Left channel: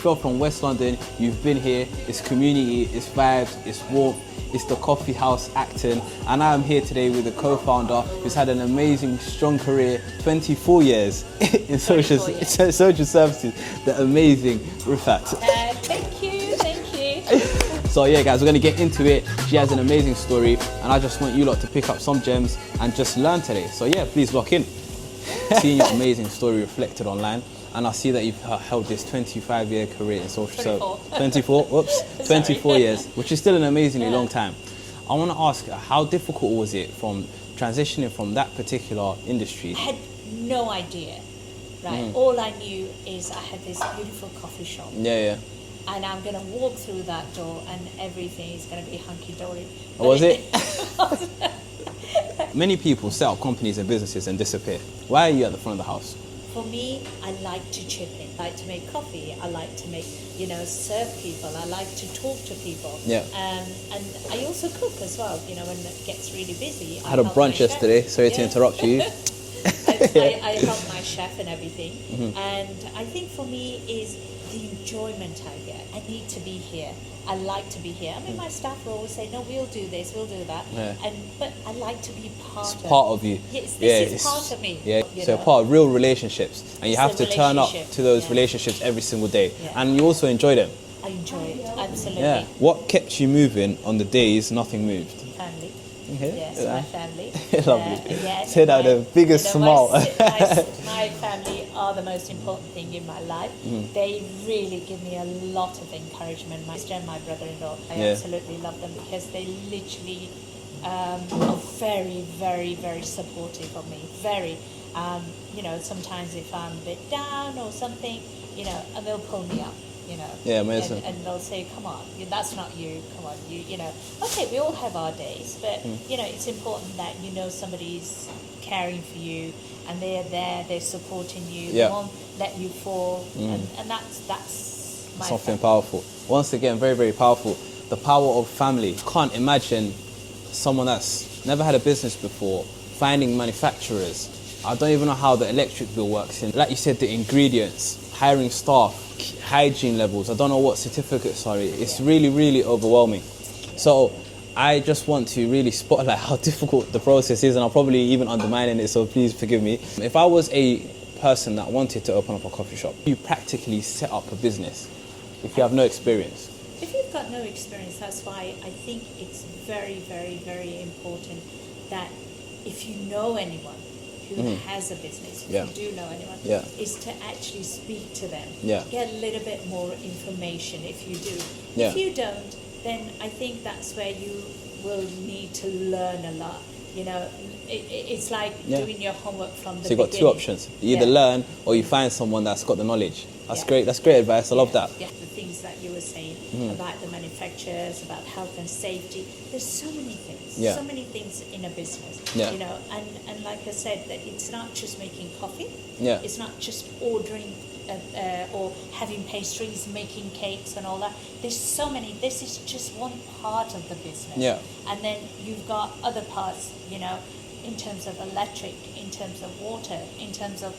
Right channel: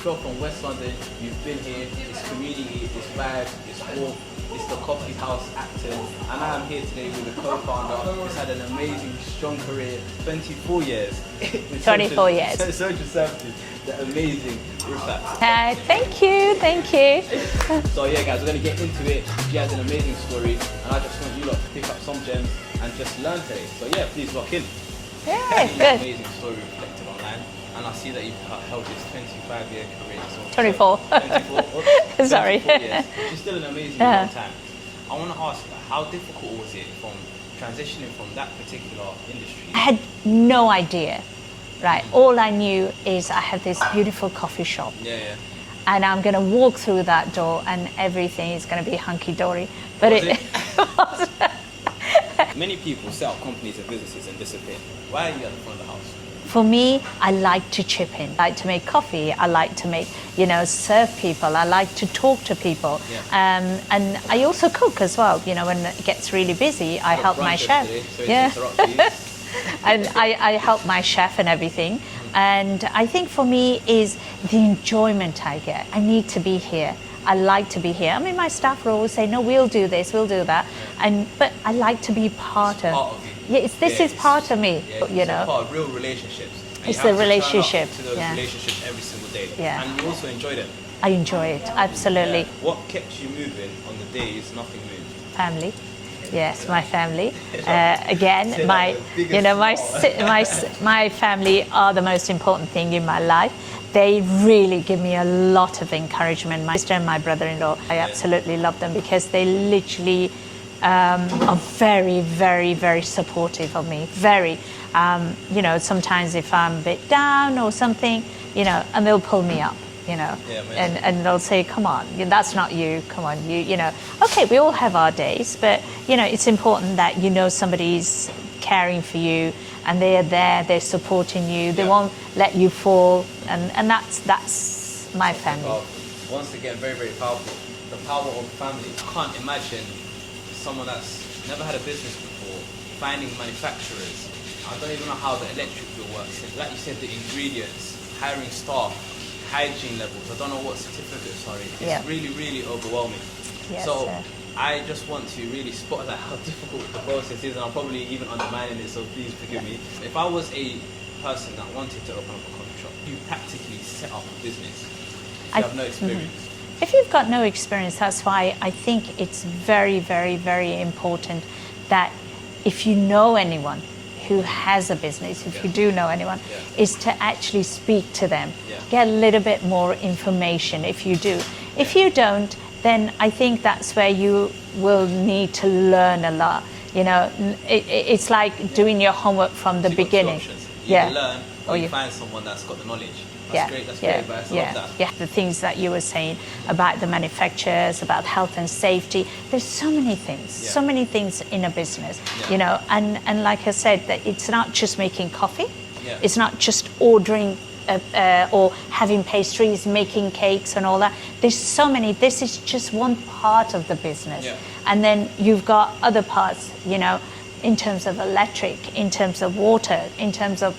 If you're from West London, you've been here. It's community, it's vibes, it's warmth, it's the coffee house Acton. And I'm here today with the co-founder who's had an amazing, strong career, 24 years in social services, the amazing Rifat. Thank you. So yeah, guys, we're going to get into it. She has an amazing story, and I just want you lot to pick up some gems and just learn today. So yeah, please lock in. Yeah, Seeing your amazing story reflected online, and I see that you've held this 25-year career. So 24. 24, whoops, 24 years, which is still an amazingly long time. I want to ask, how difficult was it from transitioning from that particular industry? I had no idea, right? All I knew is I had this beautiful coffee shop. Yeah. And I'm going to walk through that door and everything is going to be hunky-dory. But was it? Many people set up companies and businesses and disappear. Why are you at the front of the house? For me, I like to chip in. I like to make coffee. I like to make, serve people. I like to talk to people. Yeah. And I also cook as well. When it gets really busy, I help my chef. Yesterday, sorry to interrupt you. And I help my chef and everything. And I think for me is the enjoyment I get. I need to be here. I like to be here. I mean, my staff will always say, no, we'll do this, we'll do that. Yeah. But I like to be part of you. Yeah, this is part of me. Yeah, so part of real relationships. And you have to turn up to those relationships every single day. Yeah. And you also enjoyed it. I enjoy it, absolutely. Yeah. What kept you moving on the days nothing moved? Family. Yes, my family. Again, my family are the most important thing in my life. They really give me a lot of encouragement. My sister and my brother-in-law, I absolutely love them because they literally are very, very, very supportive of me. Very. Sometimes if I'm a bit down or something, and they'll pull me up. And they'll say, come on, that's not you, come on, okay, we all have our days, but it's important that somebody's caring for you and they are there, they're supporting you, they won't let you fall, and that's my something family. Powerful. Once again, very, very powerful. The power of family. Can't imagine someone that's never had a business before finding manufacturers. I don't even know how the electric bill works, and like you said, the ingredients, hiring staff, hygiene levels, I don't know what certificates are. It's really, really overwhelming. Yes, so I just want to really spotlight how difficult the process is, and I'm probably even undermining it, so please forgive me. If I was a person that wanted to open up a coffee shop, you practically set up a business if you have no experience. If you've got no experience, that's why I think it's very, very, very important that if you know anyone who has a business, if you do know anyone, is to actually speak to them, get a little bit more information if you do. If you don't, then I think that's where you will need to learn a lot. It's like doing your homework from the beginning. Got two options. You either learn or you find someone that's got the knowledge. That's great. That's great advice. I love that. Yeah, the things that you were saying about the manufacturers, about health and safety. There's so many things in a business. And like I said, that it's not just making coffee. It's not just ordering or having pastries, making cakes and all that. There's so many. This is just one part of the business. And then you've got other parts, in terms of electric, in terms of water, in terms of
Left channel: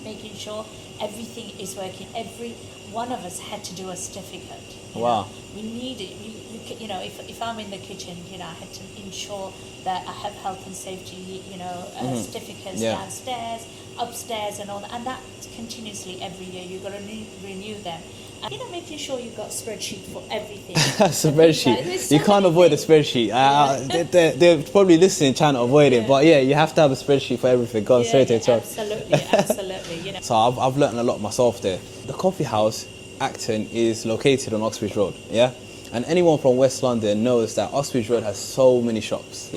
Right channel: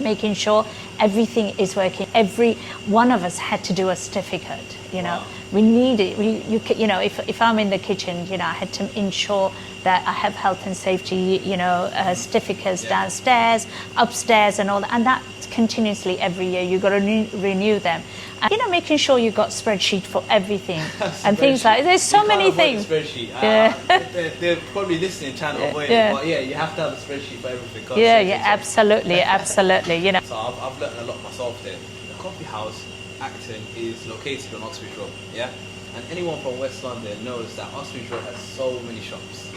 making sure everything is working. Every one of us had to do a certificate. We need it. If I'm in the kitchen, I had to ensure that I have health and safety, certificates downstairs, upstairs, and all that. And that continuously every year you've got to renew them. And, making sure you've got spreadsheet for everything and things like. There's so many things. You can't avoid the spreadsheet. They're probably listening, trying to avoid it, but you have to have a spreadsheet for everything. Absolutely. So I've learned a lot myself there. The coffee house, Acton, is located on Oxbridge Road. And anyone from West London knows that Oxbridge Road has so many shops.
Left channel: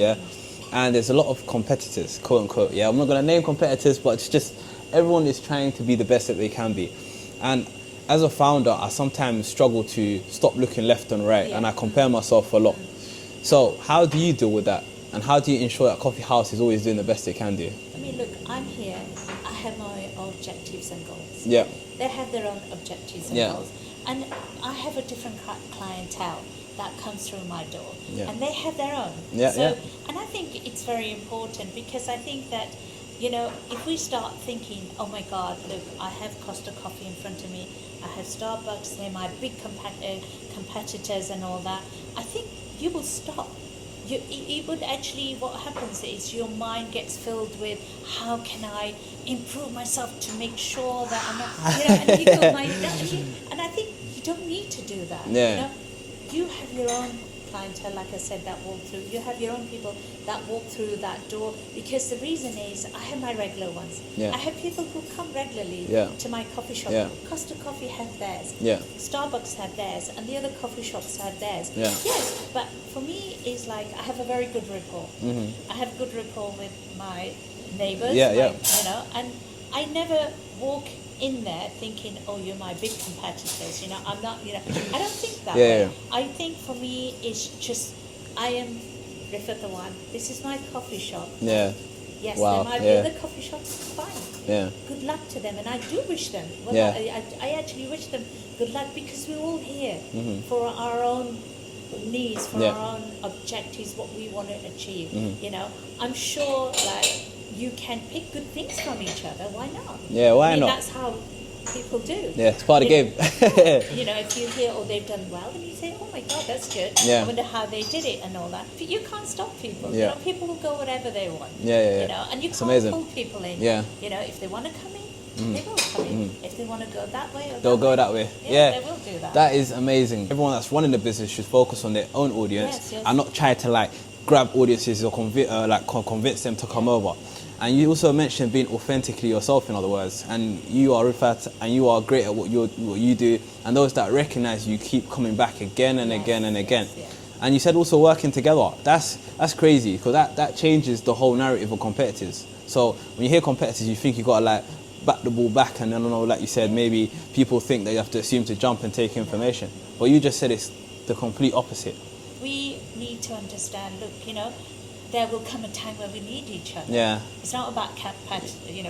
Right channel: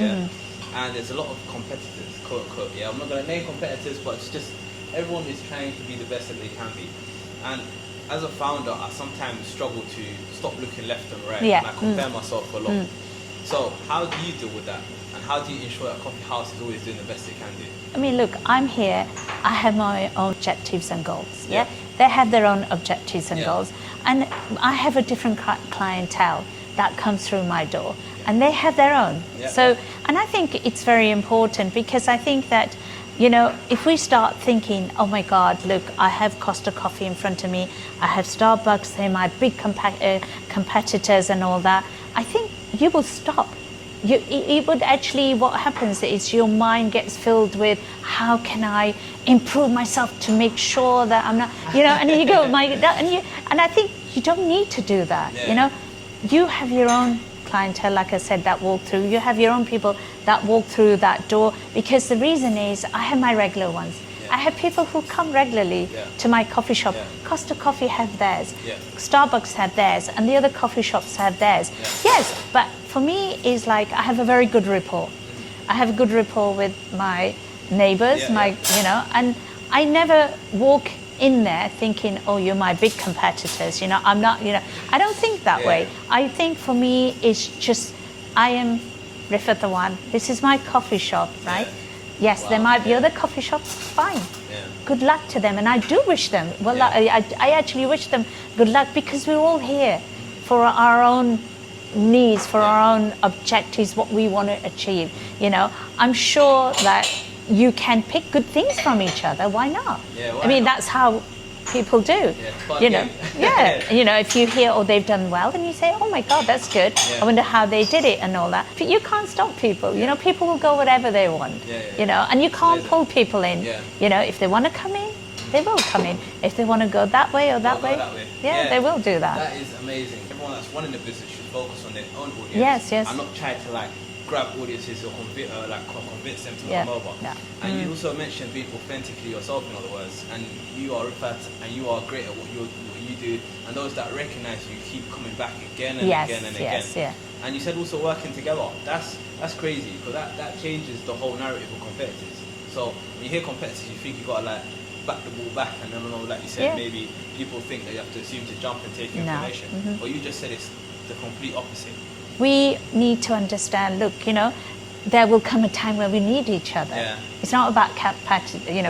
And there's a lot of competitors, quote unquote. I'm not going to name competitors, but it's just everyone is trying to be the best that they can be. And as a founder, I sometimes struggle to stop looking left and right, and I compare myself a lot. So how do you deal with that? And how do you ensure that coffee house is always doing the best it can do? I mean, look, I'm here. I have my own objectives and goals. They have their own objectives and goals. And I have a different clientele that comes through my door, and they have their own. And I think it's very important because I think that You know, if we start thinking, oh my God, look, I have Costa Coffee in front of me, I have Starbucks, they're my big competitors and all that, I think you will stop. It would actually, what happens is your mind gets filled with, how can I improve myself to make sure that I'm not, you know, and you go, and I think you don't need to do that, you know. You have your own clientele, like I said, that walk through. You have your own people that walk through that door, because the reason is I have my regular ones. I have people who come regularly to my coffee shop. Costa Coffee have theirs. Starbucks have theirs, and the other coffee shops have theirs. Yes, but for me, it's like I have a very good rapport. I have a good rapport with my neighbors, you know, and I never walk in there thinking, oh, you're my big competitors, you know, I'm not, you know, I don't think that way. I think for me, it's just, I am Rifat the one. This is my coffee shop, right? Yes, there might be other coffee shops, fine. Good luck to them, and I do wish them, well, I actually wish them good luck, because we're all here for our own needs, for our own objectives, what we want to achieve, you know. I'm sure that you can pick good things from each other. Why not? Why I mean, not? that's how people do. It's part of the game. You know, if you hear, oh, they've done well, then you say, oh my God, that's good. I wonder how they did it and all that. But you can't stop people. You know, people will go whatever they want. You know, and you can't pull people in. You know, if they want to come in, they will come in. If they want to go that way or that way, go that way. They will do that. That is amazing. Everyone that's running the business should focus on their own audience. And not try to like grab audiences or convince them to come over. And you also mentioned being authentically yourself, in other words, and you are Rifat and you are great at what you do, and those that recognize you keep coming back again and again and again. And you said also working together. That's crazy, because that changes the whole narrative of competitors. So when you hear competitors, you think you got to like back the ball back, and I don't know, like you said, maybe people think that you have to assume to jump and take information. But you just said it's the complete opposite. We need to understand, look, you know, there will come a time where we need each other. It's not about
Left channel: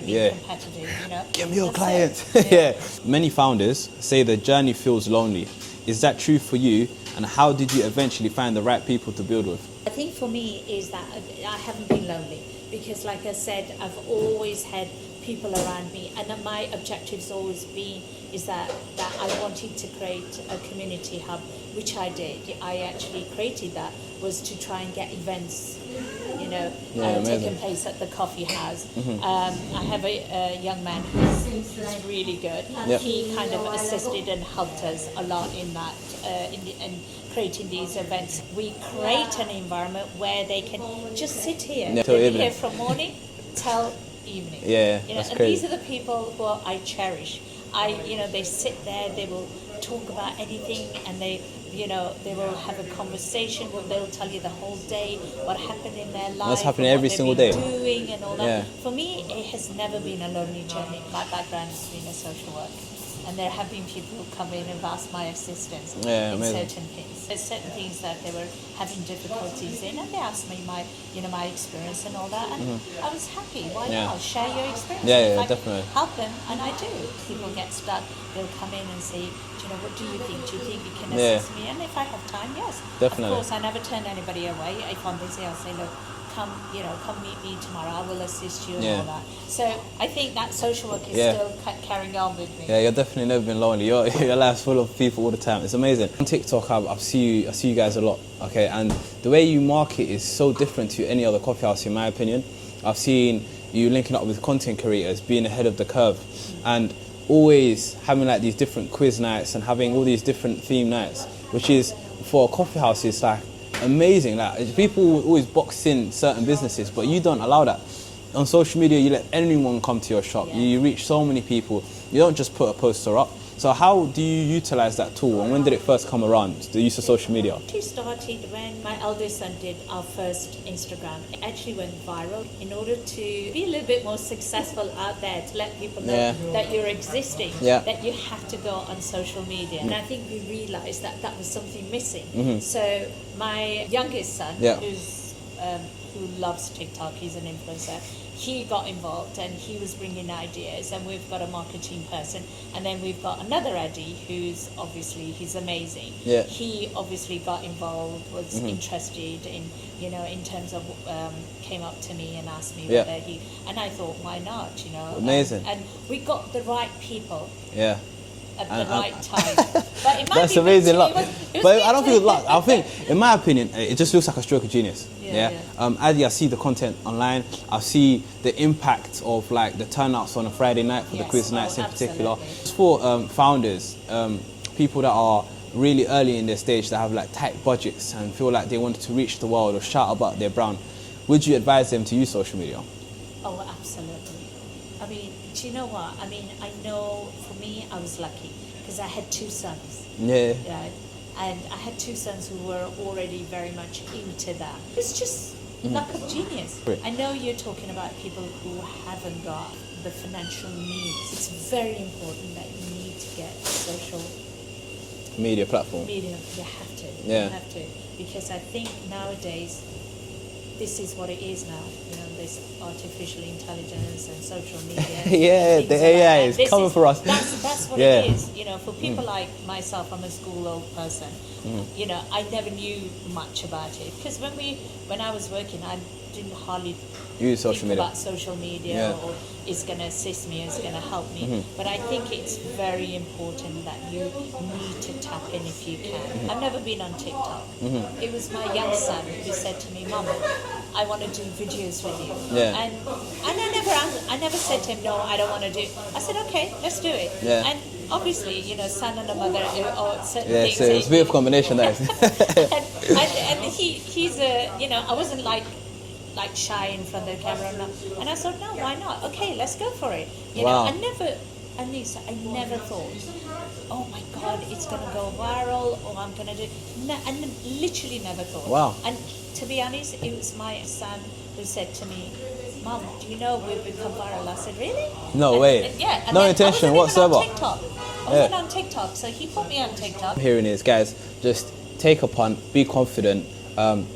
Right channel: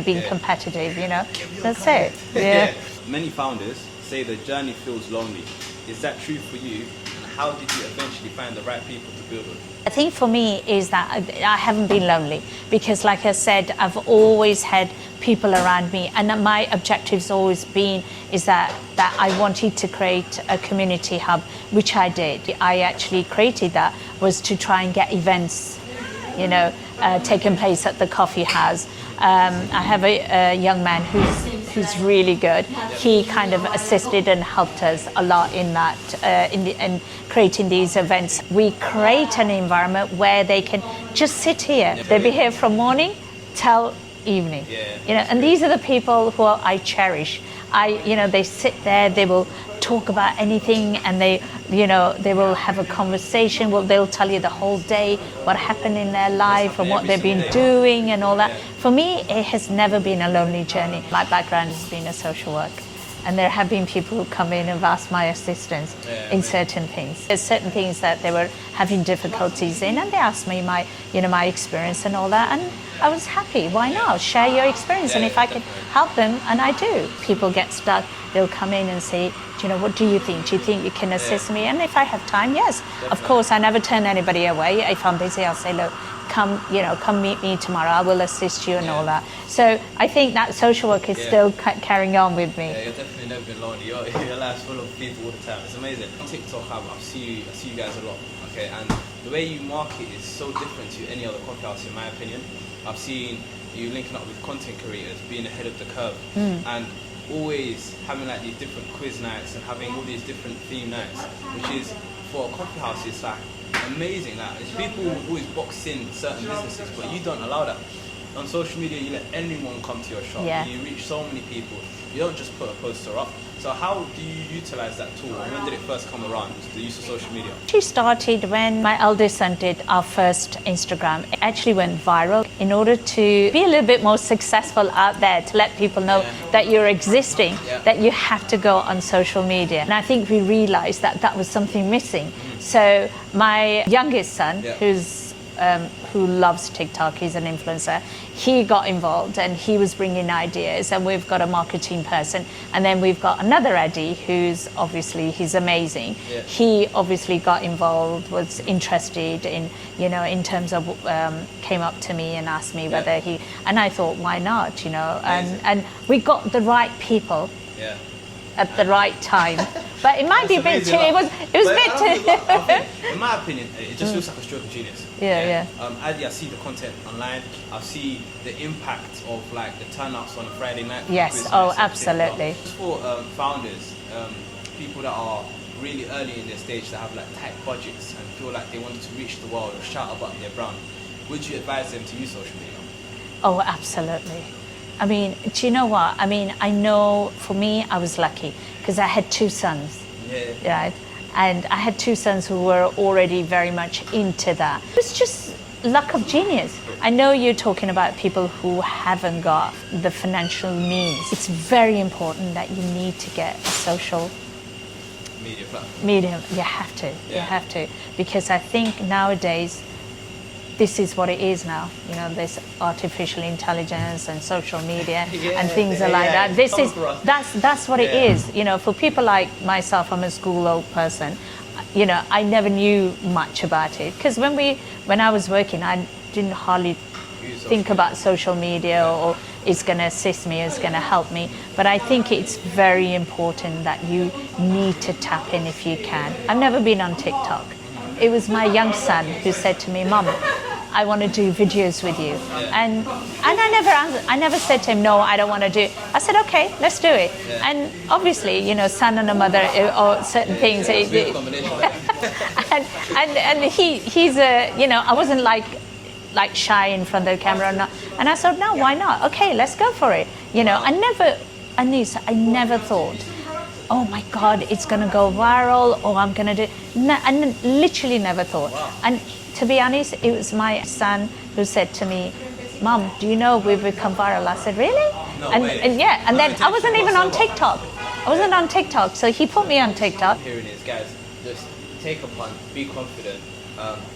being competitive, you know. That's it. Many founders say the journey feels lonely. Is that true for you? And how did you eventually find the right people to build with? I think for me is that I haven't been lonely, because like I said, I've always had people around me, and my objective's always been is that I wanted to create a community hub, which I did. I actually created that was to try and get events, you know, taking place at the coffee house. I have a young man who's really good. He kind of assisted and helped us a lot in that, in creating these events. We create an environment where they can just sit here. They'll be here from morning till evening. You know, and these are the people who I cherish. You know, they sit there, they will talk about anything, and they will have a conversation. Well, they'll tell you the whole day what happened in their life and what they've been doing and all that. For me, it has never been a lonely journey. My background has been a social work, and there have been people who come in and have asked my assistance in certain things. There's certain things that they were having difficulties in, and they asked me my experience and all that, and I was happy. Why not? Share your experience, and if I can help them, and I do. People get stuck, they'll come in and say, you know, what do you think? Do you think you can assist me? And if I have time, yes. Of course, I never turn anybody away. If I'm busy, I'll say, look, come meet me tomorrow. I will assist you and all that. So I think that social work is still carrying on with me. You're definitely never been lonely. Your life's full of people all the time. It's amazing. On TikTok, I see you guys a lot. Okay, and the way you market is so different to any other coffee house, in my opinion. I've seen you linking up with content creators, being ahead of the curve, and always having like these different quiz nights and having all these different theme nights, which is for a coffee house is like amazing. Like people will always box in certain businesses, but you don't allow that. On social media, you let anyone come to your shop. You reach so many people. You don't just put a poster up. So how do you utilize that tool, and when did it first come around, the use of social media? It started when my eldest son did our first Instagram. It actually went viral. In order to be a little bit more successful out there, to let people know that you're existing, that you have to go on social media. And I think we realized that that was something missing. So my youngest son, who's who loves TikTok. He's an influencer. He got involved and he was bringing ideas, and we've got a marketing person, and then we've got another Eddie who's obviously, he's amazing. Yeah. He obviously got involved, was interested in, you know, in terms of came up to me and asked me whether he, and I thought, why not, you know. And we got the right people. Yeah. At the right time, but it might be a bit. It was but a bit. I don't think it's luck. I think, in my opinion, it just looks like a stroke of genius. Yeah. Adi, I see the content online. I see the impact of like the turnouts on a Friday night. For the quiz nights absolutely. It's for founders, people that are really early in their stage that have like tight budgets and feel like they wanted to reach the world or shout about their brand. Would you advise them to use social media? Oh, absolutely. I mean, do you know what? I mean, I know for me, I was lucky because I had 2 sons. Yeah. Right? And I had 2 sons who were already very much into that. It was just luck of genius. Sure. I know you're talking about people who haven't got the financial means. It's very important that you need to get a social media platform. Medium, you have to. Yeah. You have to. Because I think nowadays, this is what it is now. You know, there's artificial intelligence and social media and things like that. This is that's what it is. You know, for people like myself, I'm a school old person. You know, I never knew much about it because when I was working, I didn't hardly think about social media or it's going to assist me, it's going to help me. But I think it's very important that you need to tap in if you can. I've never been on TikTok. It was my young son who said to me, Mum, I want to do videos with you. And I never said to him, no, I don't want to do it. I said, okay, let's do it. And obviously, you know, son and a mother or certain things. So it's a beautiful combination there. and he's a, you know, I wasn't like shy in front of the camera and I said, no, why not? Okay, let's go for it. You know, I never thought, oh my God, it's gonna go viral or I'm gonna do, I literally never thought. Wow. And to be honest, it was my son who said to me, Mom, do you know we've become viral? I said, really? No way. And then I wasn't even on TikTok. I wasn't on TikTok, so he put me on TikTok. Hearing is, guys, just take a punt, be confident,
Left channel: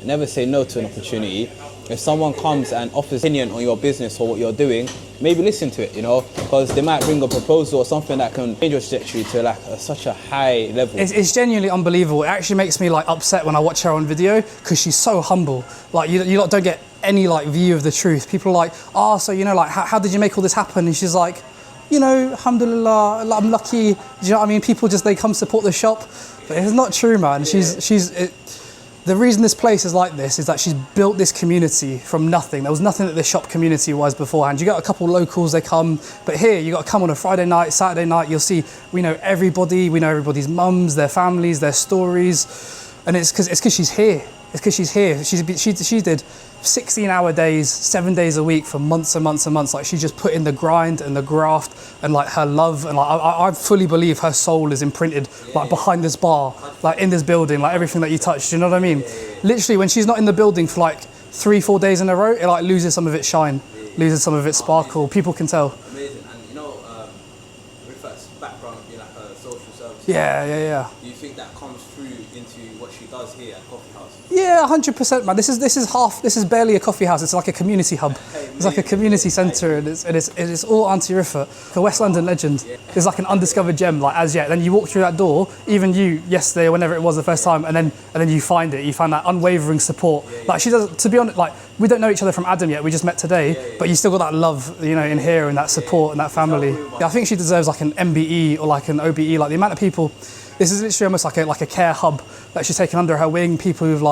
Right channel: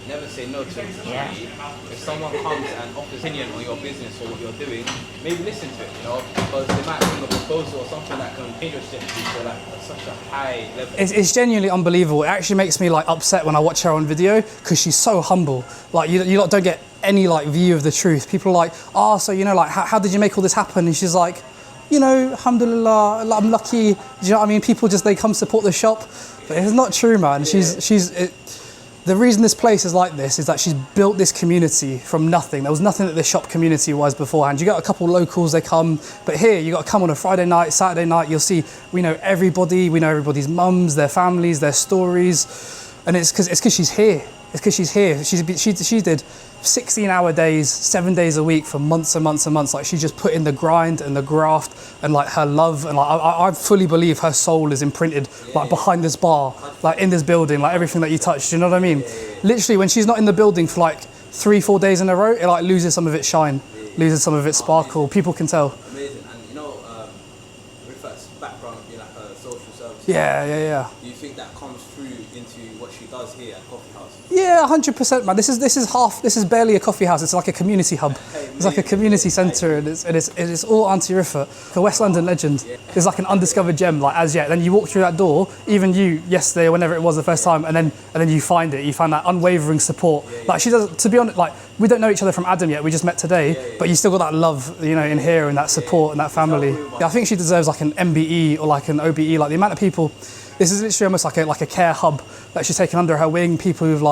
never say no to an opportunity. If someone comes and offers opinion on your business or what you're doing, maybe listen to it, you know, because they might bring a proposal or something that can change your trajectory to like such a high level. It's genuinely unbelievable. It actually makes me like upset when I watch her on video because she's so humble. Like you lot don't get any like view of the truth. People are like, oh, so you know, like how did you make all this happen? And she's like, you know, alhamdulillah, I'm lucky. Do you know what I mean? People just, they come support the shop, but it's not true, man. The reason this place is like this is that she's built this community from nothing. There was nothing that this shop community was beforehand. You got a couple locals, they come, but here you got to come on a Friday night, Saturday night, you'll see, we know everybody, we know everybody's mums, their families, their stories, and it's because she's here. It's because she's here. She did 16-hour days, 7 days a week for months and months and months. Like she just put in the grind and the graft and like her love, and like I fully believe her soul is imprinted like behind this bar, like in this building, like everything that you touch. Do you know what I mean? Literally, when she's not in the building for like 3-4 days in a row, it like loses some of its shine, loses some of its sparkle. People can tell. Amazing, and you know, Rifat's background being like a social service. Yeah. Do you think that comes through into what she does here at Coffee House? Yeah, 100%, man. This is barely a coffee house. It's like a community hub. It's like a community centre, and it's all Auntie Rifat, a West London legend. It's like an undiscovered gem, like as yet. Then you walk through that door, even you yesterday or whenever it was the first time, and then you find it. You find that unwavering support. Like she does. To be honest, like we don't know each other from Adam yet. We just met today, but you still got that love, you know, in here and that support and that family. Yeah, I think she deserves like an MBE or like an OBE. Like the amount of people. This is literally almost like a care hub that she's taken under her wing. People who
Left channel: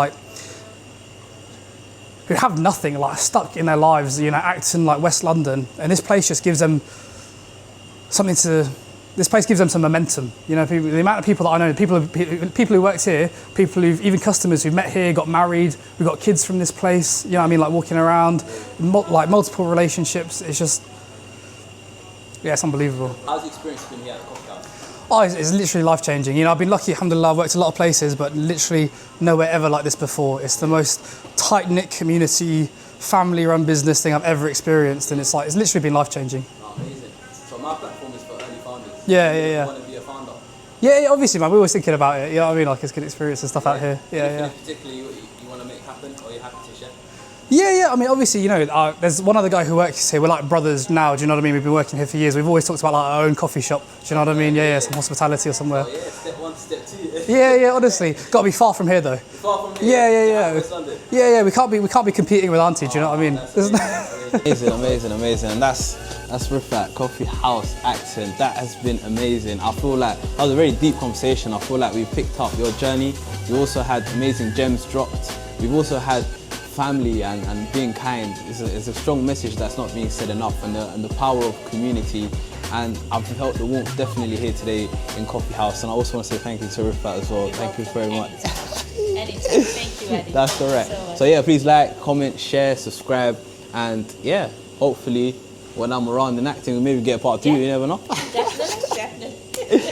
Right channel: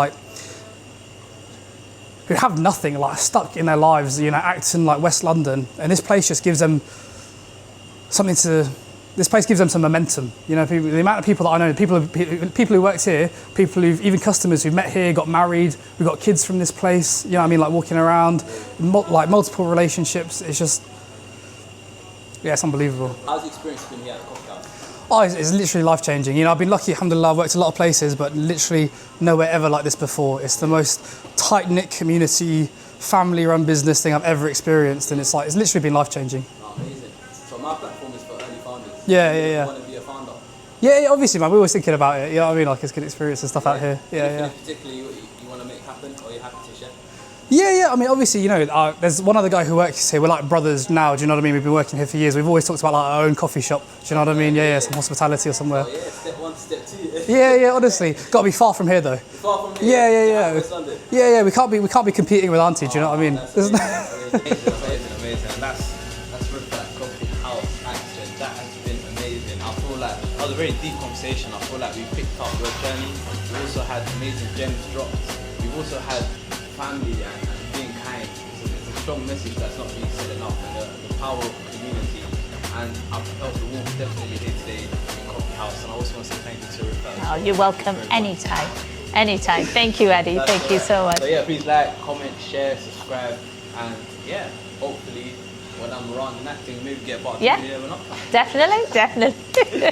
have nothing, like stuck in their lives, you know, acting like West London, and this place just gives them something to. This place gives them some momentum. You know, the amount of people that I know, people who worked here, even customers who've met here, got married. We've got kids from this place. You know what I mean? Like walking around, like multiple relationships. It's just, yeah, it's unbelievable. How's the experience been here at the Coffee House? Oh, it's literally life-changing. You know, I've been lucky, alhamdulillah, I've worked a lot of places, but literally nowhere ever like this before. It's the most tight-knit community, family-run business thing I've ever experienced, and it's literally been life-changing. Oh, amazing. So my platform is for early founders. Yeah. You want to be a founder? Yeah, obviously, man, we're always thinking about it. You know what I mean? Like, it's good experience and stuff out here. Yeah. Particularly you want to make happen, or you're happy to share? Yeah. I mean, obviously, you know, there's one other guy who works here. We're like brothers now. Do you know what I mean? We've been working here for years. We've always talked about like our own coffee shop. Do you know what I mean? Yeah. Some hospitality or somewhere. Oh, yeah, step 1, step 2. Yeah. Honestly, got to be far from here though. Far from here. Yeah. West London. Yeah. We can't be competing with Auntie. Do you know what I mean? Amazing. And that's reframed coffee house accent. That has been amazing. I feel like that was a very deep conversation. I feel like we picked up your journey. We also had amazing gems dropped. We've also had family and being kind. It's a strong message that's not being said enough, and the power of community. And I've felt the warmth definitely here today in Coffee House. And I also want to say thank you to Reframed as well. You're welcome anytime. Thank you, Eddie. Thank you so much. So yeah, please like, comment, share, subscribe, and yeah, hopefully when I'm around and acting, maybe get a part 2, you never know. Definitely.